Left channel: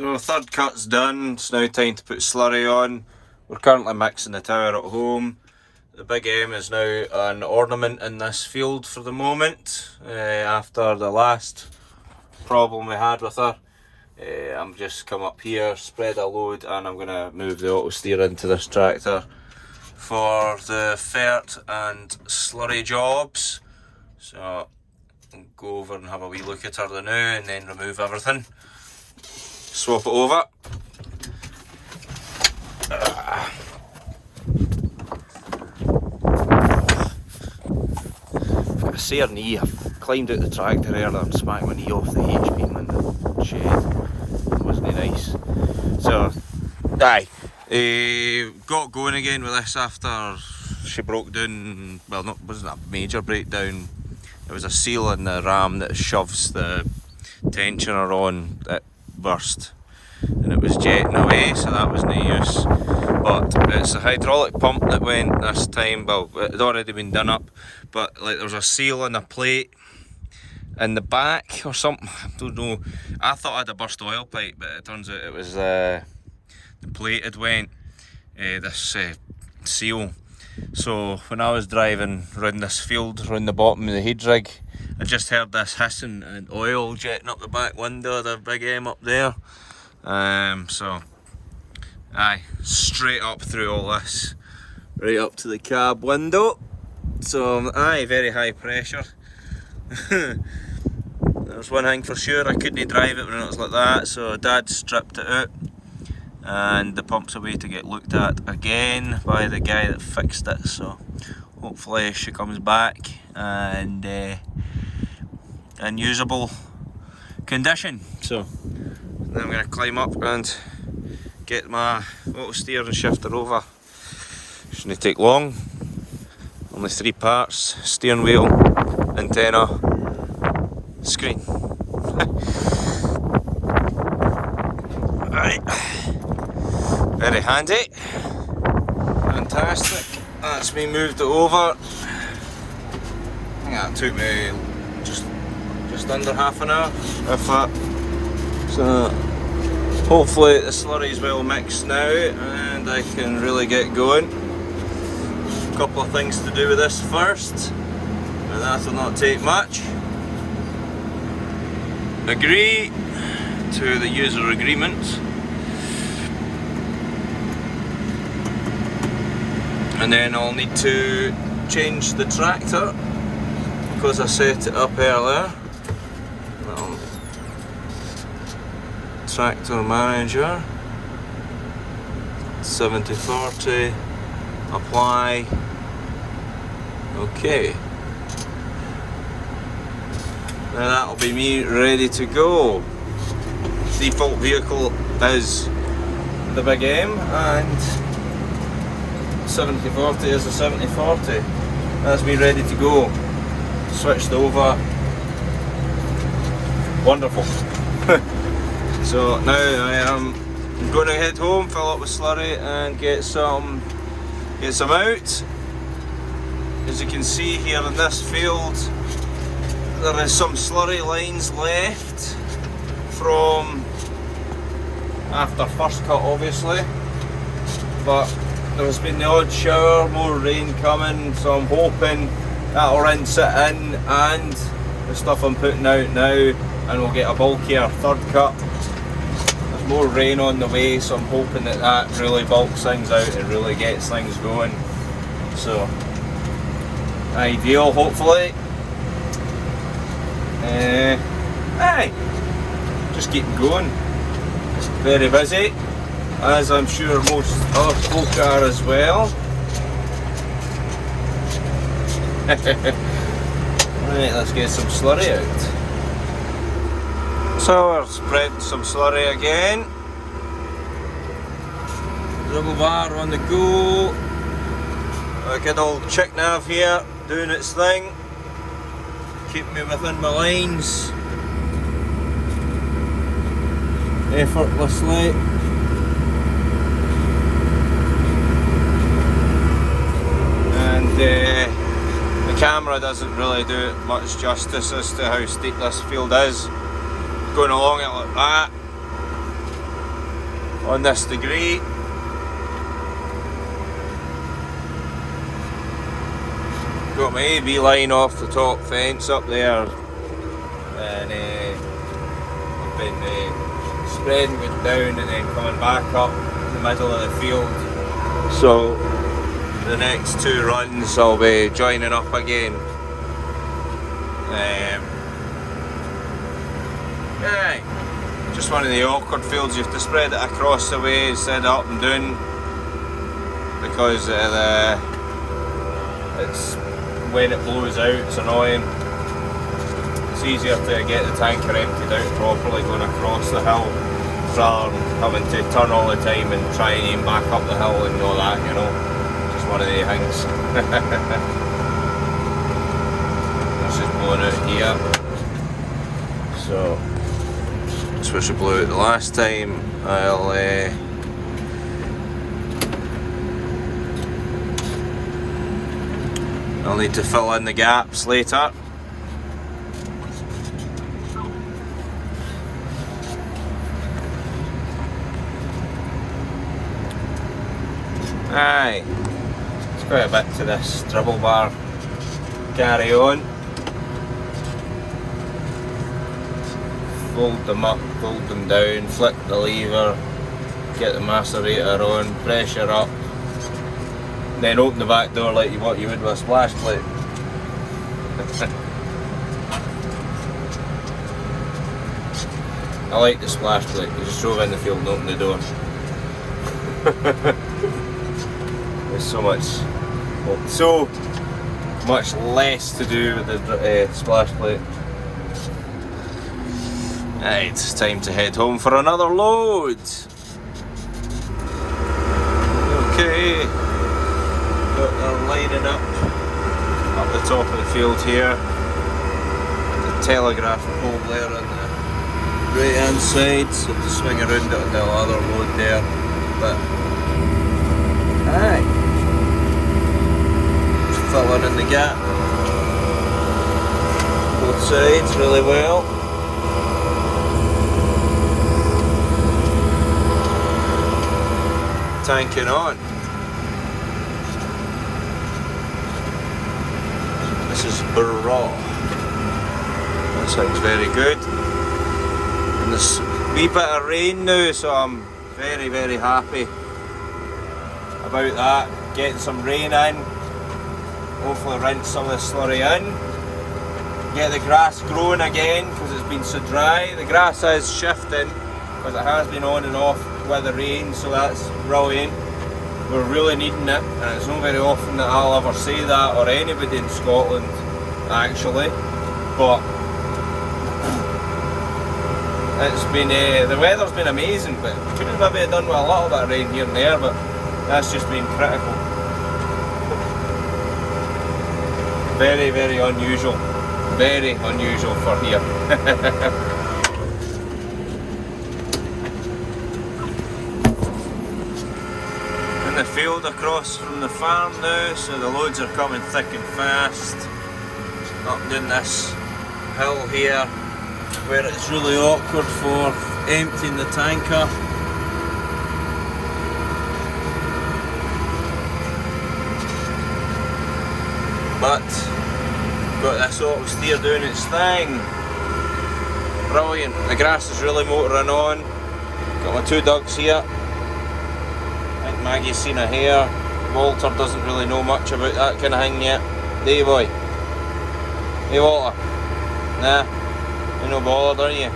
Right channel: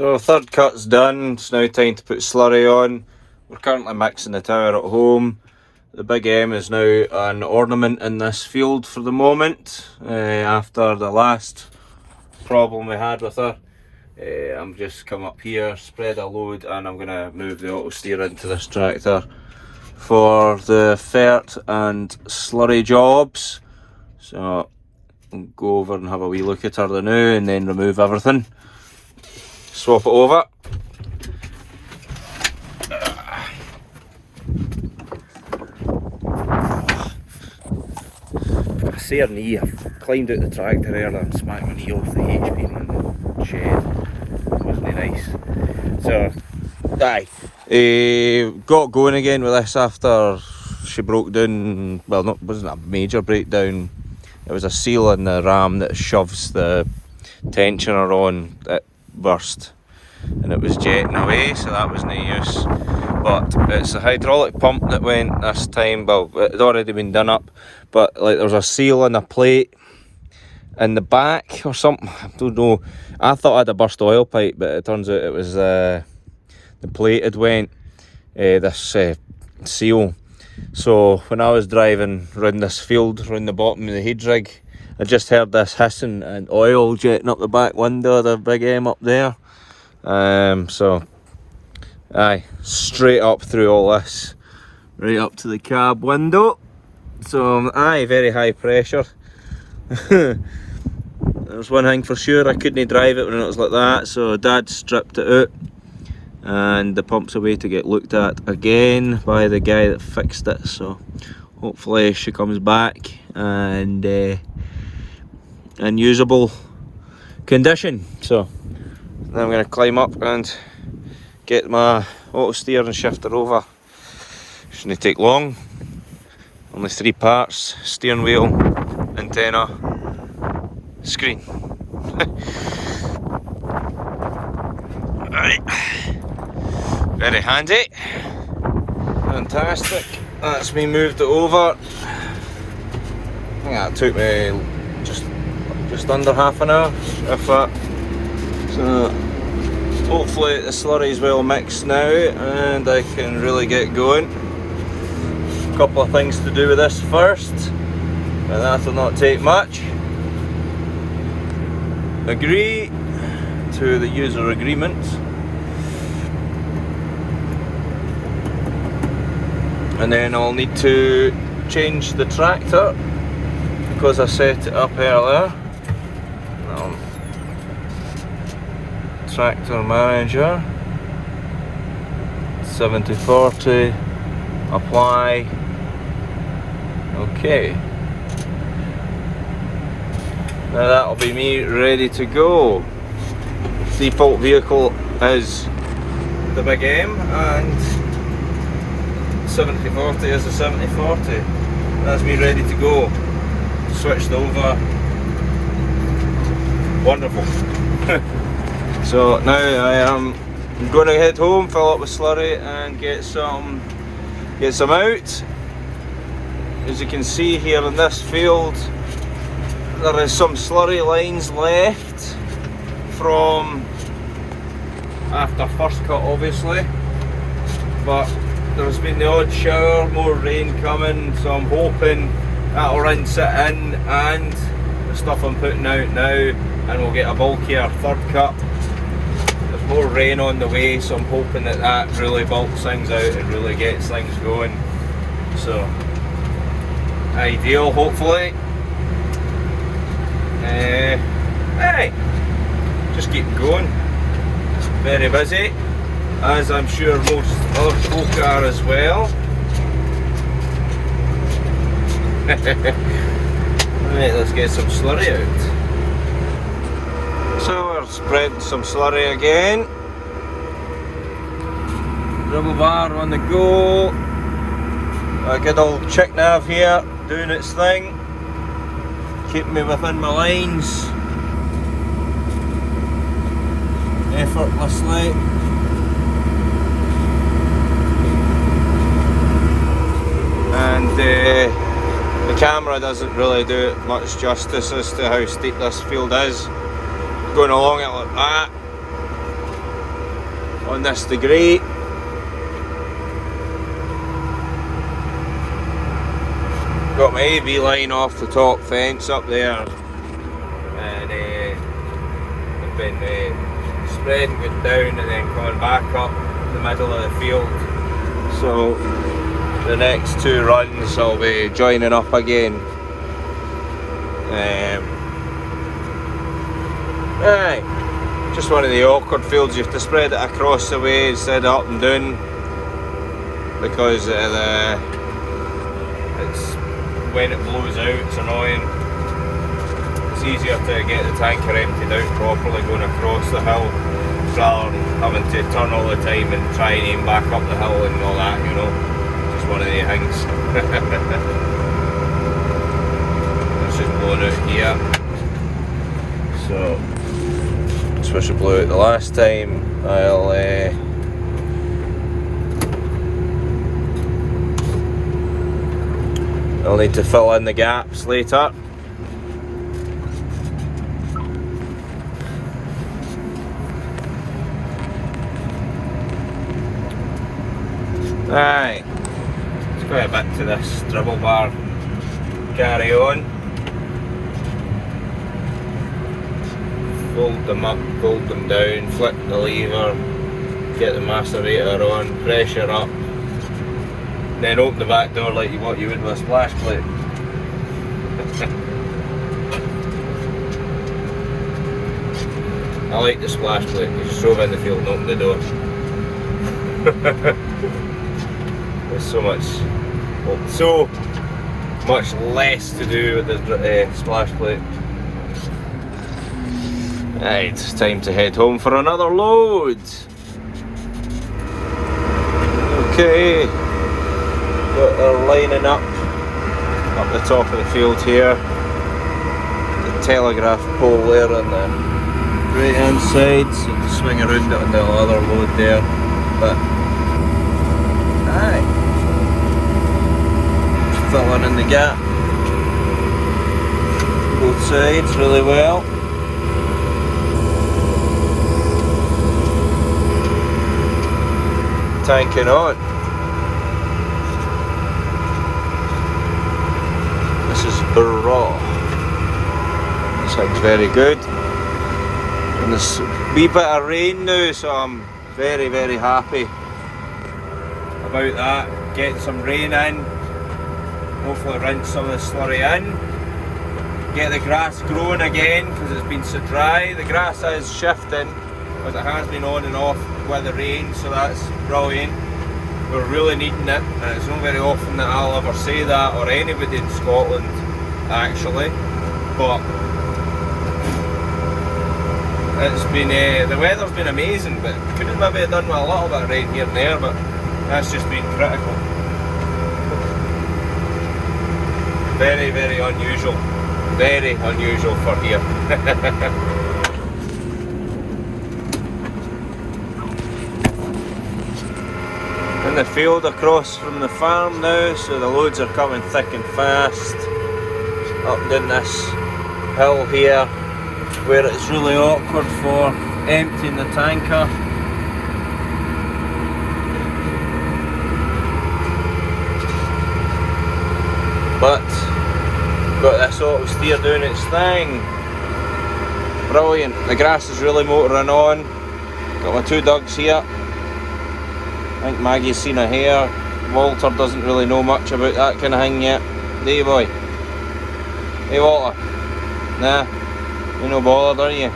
So third cut's done, it's now time to put slurry on. We're currently mixing the tower at home. The Big M is now an ornament in this field for the moment, after the last problem we had with her. I'm just come up here, spread a load, and I'm going to move the auto steer into this tractor for the fert and slurry jobs. So I'll go over and have a wee look at her now and then remove everything. Swap it over. I see her knee. I've climbed out the tractor earlier and smacked my knee off the HP in the shed. Wasn't nice. So, got going again with this after she broke down. Well, it wasn't a major breakdown. It was a seal in the ram that shoves the tensioner on. It burst and it was jetting away, so that was no use. But it's a hydraulic pump that went this time. Well, it had already been done up, but like there was a seal on a plate in the back or something. I don't know. I thought I had a burst oil pipe, but it turns out it was the plate had went, this seal. So when I was driving round this field, round the bottom of the head rig, I just heard this hissing and oil jetting up the back window of the Big M up there. So straight up through all this, right up to the cab window. So very high pressure. There's one thing for sure, I couldn't drive it when it was like that, so Dad stripped it out and the pump's away to get looked at again by the guy that fixed it. So hopefully she comes back and in usable condition. So now I'm going to climb up and get my auto steer and shift her over. Shouldn't take long. Only 3 parts: steering wheel, antenna, screen. Right. Very handy. Fantastic. That's me moved it over. I think that took me just under half an hour, if that. So hopefully the slurry is well mixed now and I can really get going. A couple of things to do with this first, but that will not take much. Agree to the user agreement, and then I'll need to change the tractor because I set it up earlier. Tractor manager, 70/40, apply. Okay, now that'll be me ready to go. Default vehicle is the Big M and 70/40 is the 70/40. That's me ready to go. Switched over. Wonderful. So now I am going to head home, fill up with slurry and get some out. As you can see here in this field, there is some slurry lines left from after first cut obviously, but there's been the odd shower, more rain coming, so I'm hoping that'll rinse it in and the stuff I'm putting out now, and we'll get a bulkier third cut. There's more rain on the way, so I'm hoping that really bulks things out and really gets things going. So ideal, hopefully. Just keep going. Very busy, as I'm sure most other folk are as well. Right, let's get some slurry out. So we're spreading some slurry again. Double bar on the go. A good old chick nav here doing its thing, keeping me within my lines effortlessly. And the camera doesn't really do it much justice as to how steep this field is. Going along it like that. on this degree. Got my AV line off the top fence up there, and I've been spreading it down and then coming back up the middle of the field. So the next 2 runs I'll be joining up again. Aye, just one of the awkward fields. You have to spread it across the way instead of up and down, because it's when it blows out, it's annoying. It's easier to get the tanker emptied out properly going across the hill, rather than having to turn all the time and try and aim back up the hill and all that, you know. Just one of the things. This is blowing out here. So, just wish it blew out the last time. I'll need to fill in the gaps later. Aye, there's quite a bit to this dribble bar. Carry on. Fold them up, fold them down, flip the lever, get the macerator on, pressure up. Then open the back door like what you would with a splash plate. I like the splash plate. You just drove in the field and open the door. There's so much less to do with the splash plate. Right, it's time to head home for another load. Okay. They're lining up the top of the field here. The telegraph pole there on the right hand side, so to swing around on the other load there. But aye, just filling in the gap both sides really well. Tanking on. This is raw. That sounds very good. And there's a wee bit of rain now, so I'm very, very happy about that. Getting some rain in. Hopefully rinse some of the slurry in. Get the grass growing again because it's been so dry. The grass is shifting, but it has been on and off with the rain, so that's brilliant. We're really needing it, and it's not very often that I'll ever say that, or anybody in Scotland actually, but it's been the weather's been amazing, but could have maybe done with a little bit of rain here and there, but that's just been critical. Very, very unusual. Very unusual for here. In the field across from the farm now, so the loads are coming thick and fast up down this hill here, where it's really awkward for emptying the tanker. But got this auto steer doing its thing. Brilliant. The grass is really motoring on. Got my 2 dogs here. I think Maggie's seen a hare. Walter doesn't really know much about that kind of thing yet. Do you, boy? Hey, Walter? Nah, you're no bothered, are you?